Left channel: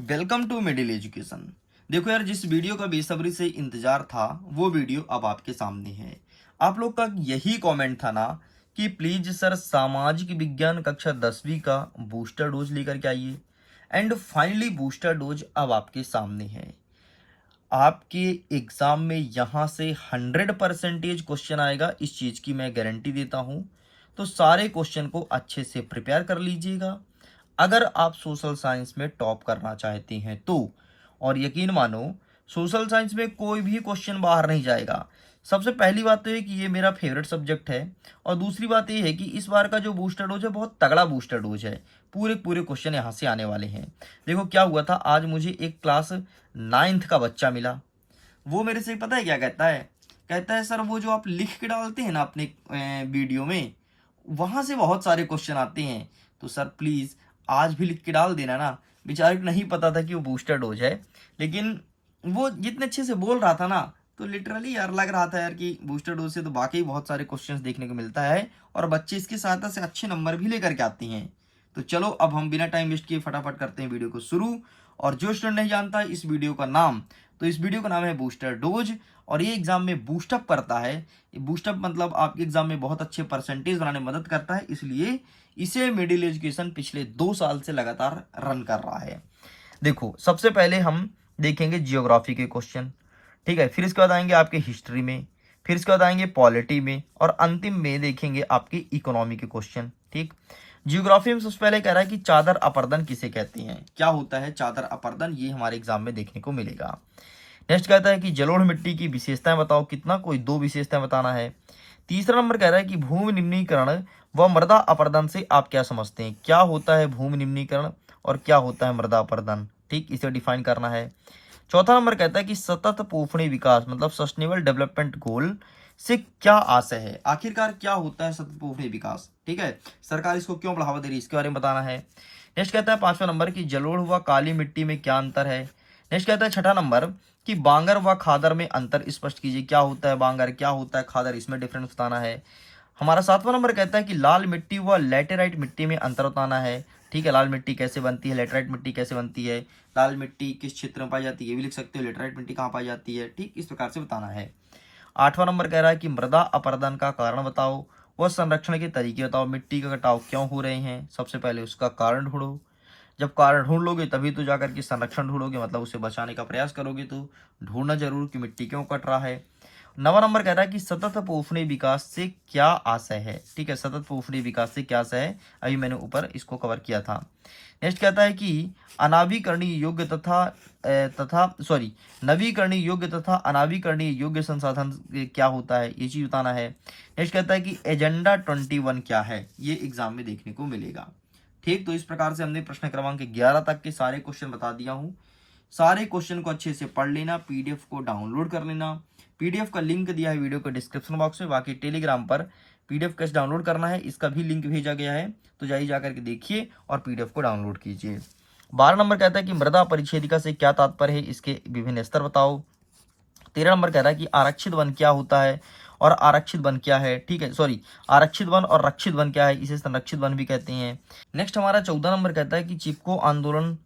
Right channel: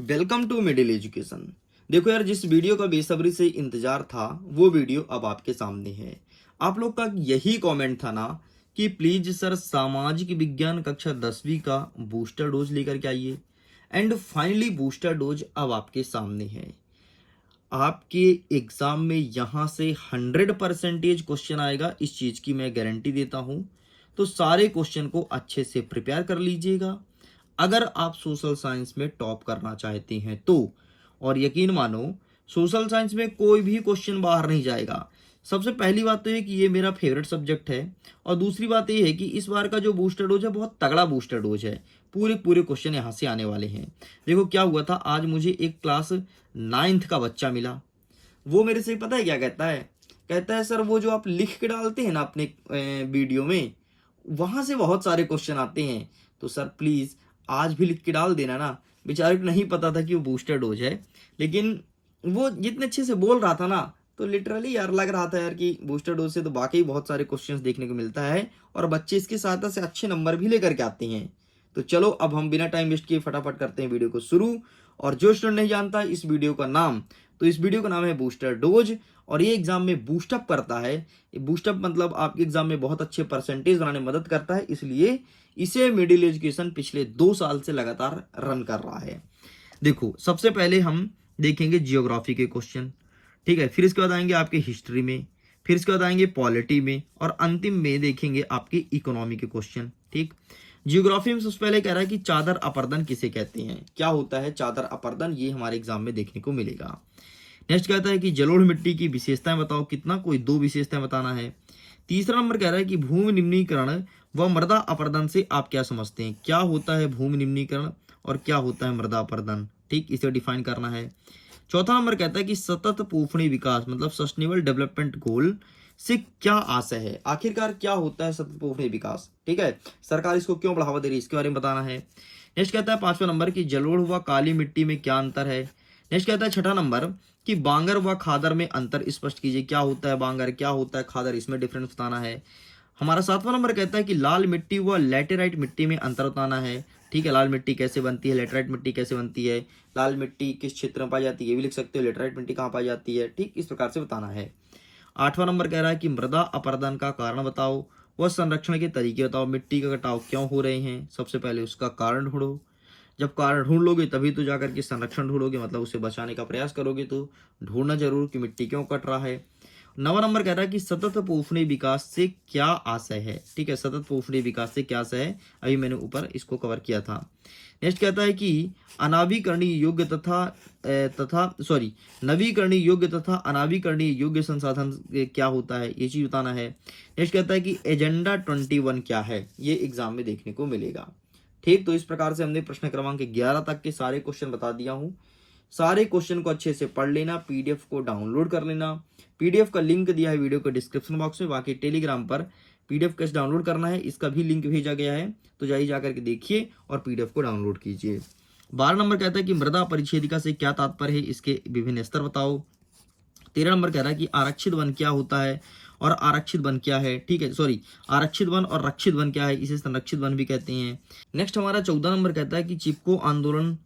Welcome to middle education. देखो यार, जिस वीडियो का बेसब्री से इंतजार था वो वीडियो अब आपके सामने है। आप लोग का यही कमेंट था ना कि प्लीज सर सामाजिक विज्ञान कक्षा 10वीं का बूस्टर डोज लेकर के आइए। एंड फाइनली बूस्टर डोज अब आपके सामने है। आपके एग्जाम में यहाँ से 100% क्वेश्चन आएगा, इस चीज की मैं गारंटी देता हूँ। तो सारे क्वेश्चन को अच्छे से प्रिपेयर कर लीजिएगा अगर आप सोशल साइंस में टॉप करना चाहते हैं तो। और यकीन मानो, सोशल साइंस में कोई भी क्वेश्चन बाहर नहीं जाएगा। सबसे पहली बात तो ये कि ये मेरा फेवरेट सब्जेक्ट है, और दूसरी बात ये है कि इस बार का जो बूस्टर डोज है बहुत तगड़ा बूस्टर डोज है। पूरे पूरे क्वेश्चन यहाँ से आने वाले हैं। देखो क्या हुआ था, आज मुझे एक क्लास 9th का बच्चा मिला। वो मेरे से पता है क्या कहता है? कहता है सर वो जो आप लिख के डालते हैं ना अपने वीडियो में, वहां से बहुत सारे क्वेश्चन आते हैं। तो सर प्लीज आज भी लिख के डाल देना ना। बेचारे को नहीं पता था कि वो बूस्टर डोज है, लेकिन वो जितने अच्छे से बोल रहा था ना, तो लिटरली यार लग रहा था यार कि बूस्टर डोज से तो वाकई बहुत सारे क्वेश्चंस देखने को मिलता है, और बच्चे इसकी सहायता से अच्छे नंबर भी लेकर के आते हैं। तो चलो अब हम बिना टाइम वेस्ट किए फटाफट करते हैं वीडियो को शुरू। और जो स्टूडेंट नहीं जानता इस वीडियो का नाम, तो इस वीडियो का नाम है बूस्टर डोज, और ये एग्जाम में बूस्टअप करता है। बूस्टअप मतलब आपके एग्जाम में बहुत अच्छे परसेंटेज बनाने में मदद करता है, इसलिए इसे मिडिल एजुकेशन पिछले 2 साल से लगातार रन कर रहा है। देखो सबसे पहले हम देखेंगे जियोग्राफी के क्वेश्चन, ठीक है। फिर इसके बाद आएंगे आपके हिस्ट्री में, फिर इसके बाद आएंगे पॉलिटी में, और अंतिम में देखेंगे आपके इकोनॉमी के क्वेश्चन, ठीक। जियोग्राफी में सबसे पहले कह रहा है कि चादर अपर्दन किसे कहते हैं। क्या होता है चादर अपर्दन, ये हमारे एग्जाम में देखने को मिलेगा। नेक्स्ट कहता है कि जलोढ़ मिट्टी की विशेषताएं बताओ। कितना, कोई 2 विशेषताएं बताना है। तीसरा नंबर कह रहा है कि भूमि निम्नीकरण व मृदा अपर्दन से आप क्या समझते हैं। क्या होता है भूमि निम्नीकरण और क्या होता है मृदा अपर्दन, ठीक, इसे डिफाइन करना है। चौथा नंबर कहता है कि सतत पोषणीय विकास मतलब सस्टेनेबल डेवलपमेंट गोल से क्या आशय है। आखिरकार क्या होता है सतत पोषणीय विकास, ठीक है, सरकार इसको क्यों बढ़ावा दे रही है, इसके बारे में बताना है। नेक्स्ट कहता है पांचवा नंबर की जलोढ़ व काली मिट्टी में क्या अंतर है। नेक्स्ट कहता है छठा नंबर कि बांगर व खादर में अंतर स्पष्ट कीजिए। क्या होता है बांगर, क्या होता है खादर, इसमें डिफरेंस बताना है। हमारा सातवां नंबर कहता है कि लाल मिट्टी व लेटेराइट मिट्टी में अंतर बताना है, ठीक है। लाल मिट्टी कैसे बनती है, लेटेराइट मिट्टी कैसे बनती है, लाल मिट्टी किस क्षेत्र में पाई जाती है ये भी लिख सकते हो, लेटेराइट मिट्टी कहाँ पाई जाती है, ठीक, इस प्रकार से बताना है। आठवां नंबर कह रहा है कि मृदा अपरदन का कारण बताओ व संरक्षण के तरीके बताओ। मिट्टी का कटाव क्यों हो रहे हैं, सबसे पहले उसका कारण ढूंढो। जब कारण ढूंढ लोगे तभी तो जाकर के संरक्षण ढूंढोगे, मतलब उसे बचाने का प्रयास करोगे। तो ढूंढना जरूर कि मिट्टी क्यों कट रहा है। नवा नंबर कह रहा है कि सतत पोषणीय विकास से क्या आशय है, ठीक है, सतत पोषणीय विकास से क्या आशय है, अभी मैंने ऊपर इसको कवर किया था। नेक्स्ट कहता है कि अनावीकरणीय योग्य नवीकरणीय योग्य तथा अनावीकरणीय योग्य संसाधन क्या होता है, ये चीज बताना है। नेक्स्ट कहता है कि एजेंडा 21 क्या है, ये एग्जाम में देखने को मिलेगा, ठीक। तो इस प्रकार से हमने प्रश्न क्रमांक 11 तक के सारे क्वेश्चन बता दिया हूँ। सारे क्वेश्चन को अच्छे से पढ़ लेना, पीडीएफ को डाउनलोड कर लेना। पीडीएफ का लिंक दिया है वीडियो के डिस्क्रिप्शन बॉक्स में। बाकी टेलीग्राम पर पीडीएफ कैसे डाउनलोड करना है इसका भी लिंक भेजा गया है, तो जाइए जाकर के देखिए और पीडीएफ को डाउनलोड कीजिए। 12 नंबर कहता है कि मृदा परिच्छेदिका से क्या तात्पर्य है, इसके विभिन्न स्तर बताओ। 13 नंबर कह रहा है कि आरक्षित वन क्या होता है और आरक्षित वन क्या है, ठीक है, सॉरी, आरक्षित वन और रक्षित वन क्या है, इसे संरक्षित वन भी कहते हैं। नेक्स्ट हमारा 14 नंबर कहता है कि चिपको आंदोलन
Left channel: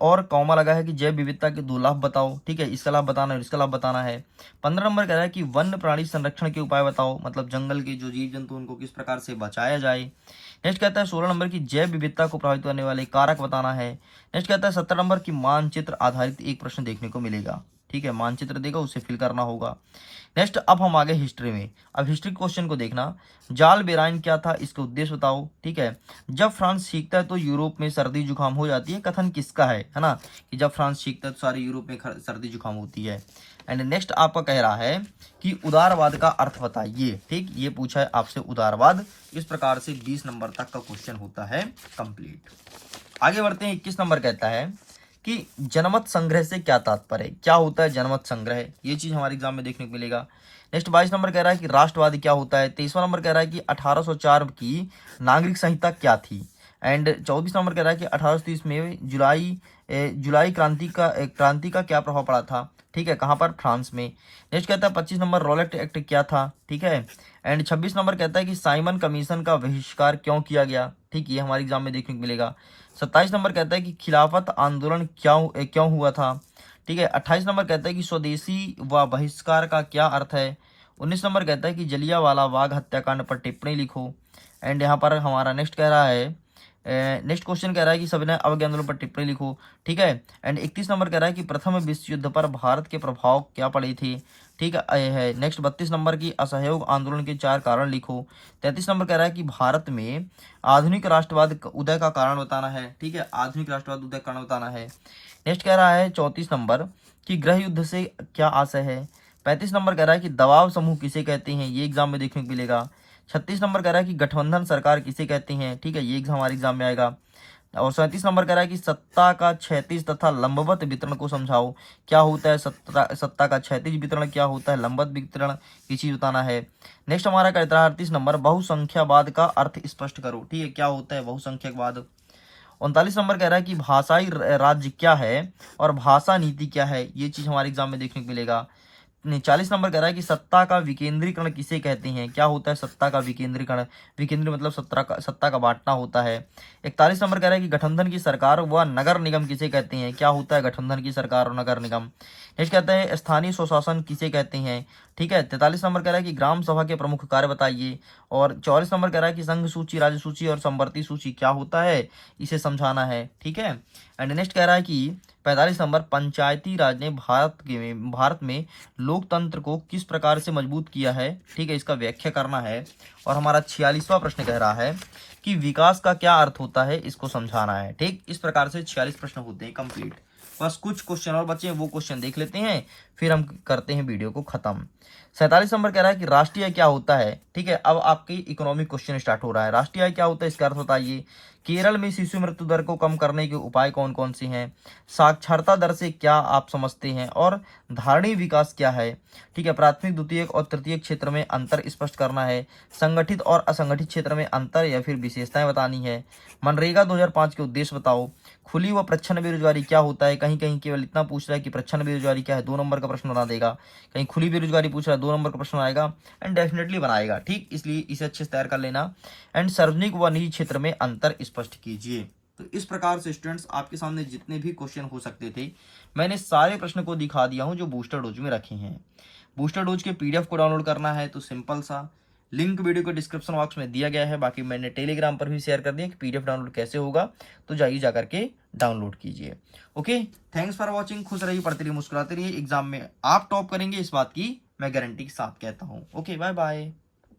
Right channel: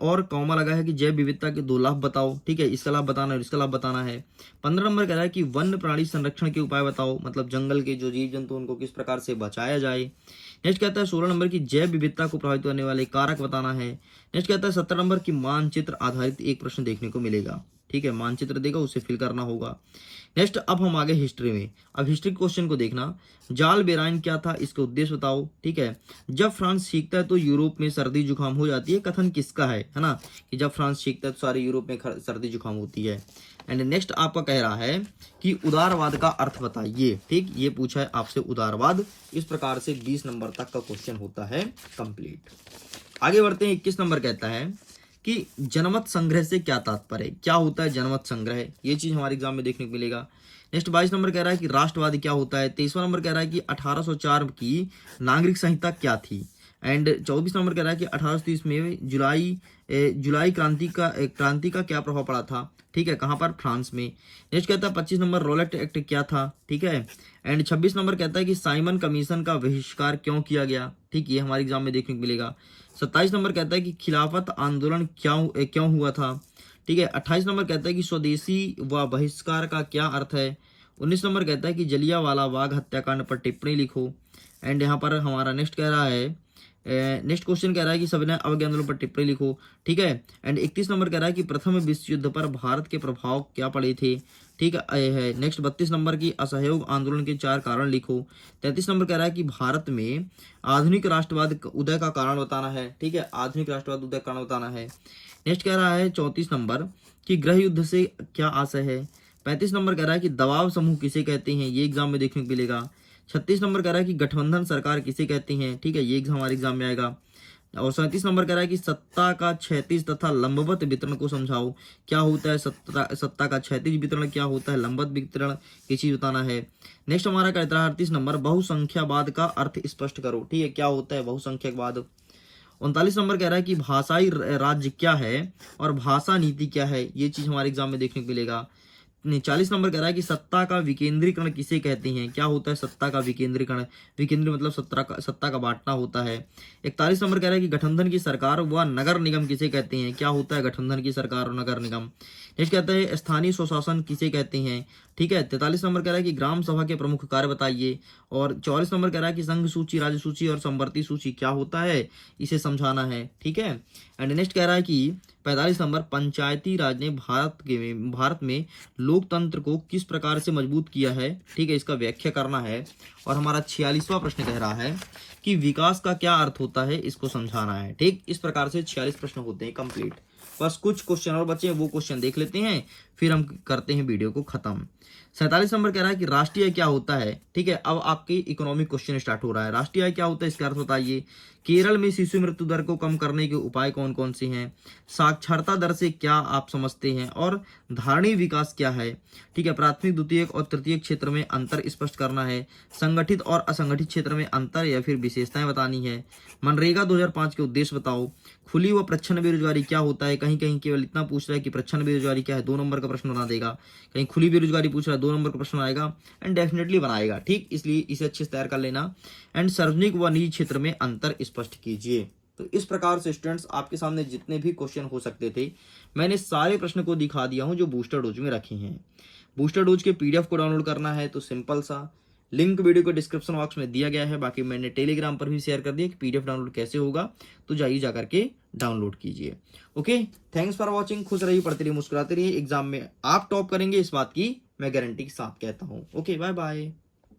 और कॉमा लगा है कि जैव विविधता के 2 लाभ बताओ, ठीक है, इसका लाभ बताना है और इसका लाभ बताना है। 15 नंबर कह रहा है कि वन्य प्राणी संरक्षण के उपाय बताओ, मतलब जंगल के जो जीव जंतु उनको किस प्रकार से बचाया जाए। नेक्स्ट कहता है 16 नंबर की जैव विविधता को प्रभावित करने वाले कारक बताना है। नेक्स्ट कहता है 17 नंबर की मानचित्र आधारित एक प्रश्न देखने को मिलेगा, ठीक है, मानचित्र देगा उसे फिल करना होगा। नेक्स्ट अब हम आगे हिस्ट्री में। अब हिस्ट्री क्वेश्चन को देखना, जाल बेराइन क्या था, इसके उद्देश्य बताओ, ठीक है। जब फ्रांस सीखता है तो यूरोप में सर्दी जुकाम हो जाती है, कथन किसका है ना, कि जब फ्रांस सीखता है तो सारे यूरोप में सर्दी जुकाम होती है। एंड नेक्स्ट आपका कह रहा है कि उदारवाद का अर्थ बताइए, ठीक, ये पूछा है आपसे उदारवाद। इस प्रकार से 20 नंबर तक का क्वेश्चन होता है कंप्लीट। आगे बढ़ते हैं। 21 नंबर कहता है कि जनमत संग्रह से क्या तात्पर्य है। क्या होता है जनमत संग्रह, ये चीज हमारे एग्जाम में देखने को मिलेगा। नेक्स्ट 22 नंबर कह रहा है कि राष्ट्रवाद क्या होता है। 23वां नंबर कह रहा है कि 1804 की नागरिक संहिता क्या थी। एंड 24 नंबर कह रहा है कि 1830 में जुलाई क्रांति का क्या प्रभाव पड़ा था, ठीक है, कहाँ पर, फ्रांस में। नेक्स्ट कहता है 25 नंबर रॉलेट एक्ट क्या था, ठीक है। एंड 26 नंबर कहता है कि साइमन कमीशन का बहिष्कार क्यों किया गया, ठीक, ये हमारे एग्जाम में देखने को मिलेगा। 27 नंबर कहता है कि खिलाफत आंदोलन क्यों हुआ था, ठीक है। 28 नंबर कहता है कि स्वदेशी व बहिष्कार का क्या अर्थ है। 19 नंबर कहता है कि जलियांवाला बाग हत्याकांड पर टिप्पणी लिखो। एंड यहाँ पर हमारा नेक्स्ट कह रहा है, नेक्स्ट क्वेश्चन कह रहा है कि सविनय अवज्ञा आंदोलन पर टिप्पणी लिखो, ठीक है। एंड 31 नंबर कह रहा है कि प्रथम विश्व युद्ध पर भारत के प्रभाव क्या पड़े थे, ठीक है। नेक्स्ट 32 नंबर की असहयोग आंदोलन के 4 कारण लिखो। 33 नंबर कह रहा है कि भारत में आधुनिक राष्ट्रवाद उदय का कारण बताना है, ठीक है, आधुनिक राष्ट्रवाद उदय का कारण बताना है। नेक्स्ट कह रहा है 34 नंबर कि गृह युद्ध से क्या आशय है। 35 नंबर कह रहा है कि दबाव समूह किसे कहते हैं, ये एग्जाम में देखने को मिलेगा। 36 नंबर कह रहा है कि गठबंधन सरकार किसे कहते हैं, ठीक है, ये हमारे एग्जाम में आएगा। और 37 नंबर कह रहा है कि सत्ता का क्षैतिज तथा लंबवत वितरण को समझाओ, क्या होता है सत्ता का क्षैतिज वितरण, क्या होता है लंबवत वितरण, ये चीज बताना है। नेक्स्ट हमारा कहता है 38 नंबर बहुसंख्यावाद का अर्थ स्पष्ट करो, ठीक है, क्या होता है बहुसंख्यकवाद। 39 नंबर कह रहा है कि भाषाई राज्य क्या है और भाषा नीति क्या है, ये चीज हमारे एग्जाम में देखने को मिलेगा। 40 नंबर कह रहा है कि सत्ता का विकेंद्रीकरण किसे कहते हैं, क्या होता है सत्ता का विकेंद्रीकरण, विकेंद्री मतलब सत्ता का बांटना होता है। 41 नंबर कह रहा है कि गठबंधन की सरकार व नगर निगम किसे कहते हैं, क्या होता है गठबंधन की सरकार और नगर निगम। नेक्स्ट कहता है स्थानीय स्वशासन किसे कहते हैं, ठीक है। 43 नंबर कह रहा है कि ग्राम सभा के प्रमुख कार्य बताइए। और 44 नंबर कह रहा है कि संघ सूची, राज्य सूची और संवर्ती सूची क्या होता है, इसे समझाना है, ठीक है। एंड नेक्स्ट कह रहा है कि 45 नंबर पंचायती राज ने भारत में लोकतंत्र को किस प्रकार से मजबूत किया है, ठीक है, इसका व्याख्या करना है। और हमारा 46वां प्रश्न कह रहा है कि विकास का क्या अर्थ होता है, इसको समझाना है, ठीक। इस प्रकार से 46 प्रश्न होते हैं कंप्लीट। बस कुछ क्वेश्चन और बचे हैं, वो क्वेश्चन देख लेते हैं, फिर हम करते हैं वीडियो को खत्म। 47 नंबर कह रहा है कि राष्ट्रीय आय क्या होता है, ठीक है। अब आपकी इकोनॉमिक क्वेश्चन स्टार्ट हो रहा है। राष्ट्रीय आय क्या होता है, इसका अर्थ बताइए। केरल में शिशु मृत्यु दर को कम करने के उपाय कौन कौन से हैं। साक्षरता दर से क्या आप समझते हैं और धारणीय विकास क्या है, ठीक है। प्राथमिक, द्वितीयक और तृतीयक क्षेत्र में अंतर स्पष्ट करना है। संगठित और असंगठित क्षेत्र में अंतर या फिर विशेषताएं बतानी है। मनरेगा 2005 के उद्देश्य बताओ। खुली व प्रच्छन्न बेरोजगारी क्या होता है, कहीं कहीं केवल इतना पूछ रहा है कि प्रच्छन्न बेरोजगारी क्या है, 2 नंबर का प्रश्न बना देगा। कहीं खुली बेरोजगारी पूछ रहा है, 2 नंबर का प्रश्न आएगा एंड डेफिनेटली बनाएगा, ठीक, इसलिए इसे अच्छे से तैयार कर लेना। एंड सार्वजनिक व निजी क्षेत्र में अंतर स्पष्ट कीजिए। तो इस प्रकार से स्टूडेंट्स आपके सामने जितने भी क्वेश्चन हो सकते थे मैंने सारे प्रश्न को दिखा दिया हूं जो बूस्टर डोज में रखे हैं। बूस्टर डोज के पीडीएफ को डाउनलोड करना है तो सिंपल सा लिंक वीडियो के डिस्क्रिप्शन बॉक्स में दिया गया है। बाकी मैंने टेलीग्राम पर भी शेयर कर दिया कि पीडीएफ डाउनलोड कैसे होगा, तो जाइए जा करके डाउनलोड कीजिए। Okay, thanks for watching. खुश रहिए, पढ़ते रहिए, मुस्कुराते रहिए। एग्जाम में आप टॉप करेंगे, इस बात की मैं गारंटी के साथ कहता हूँ। Okay, bye bye.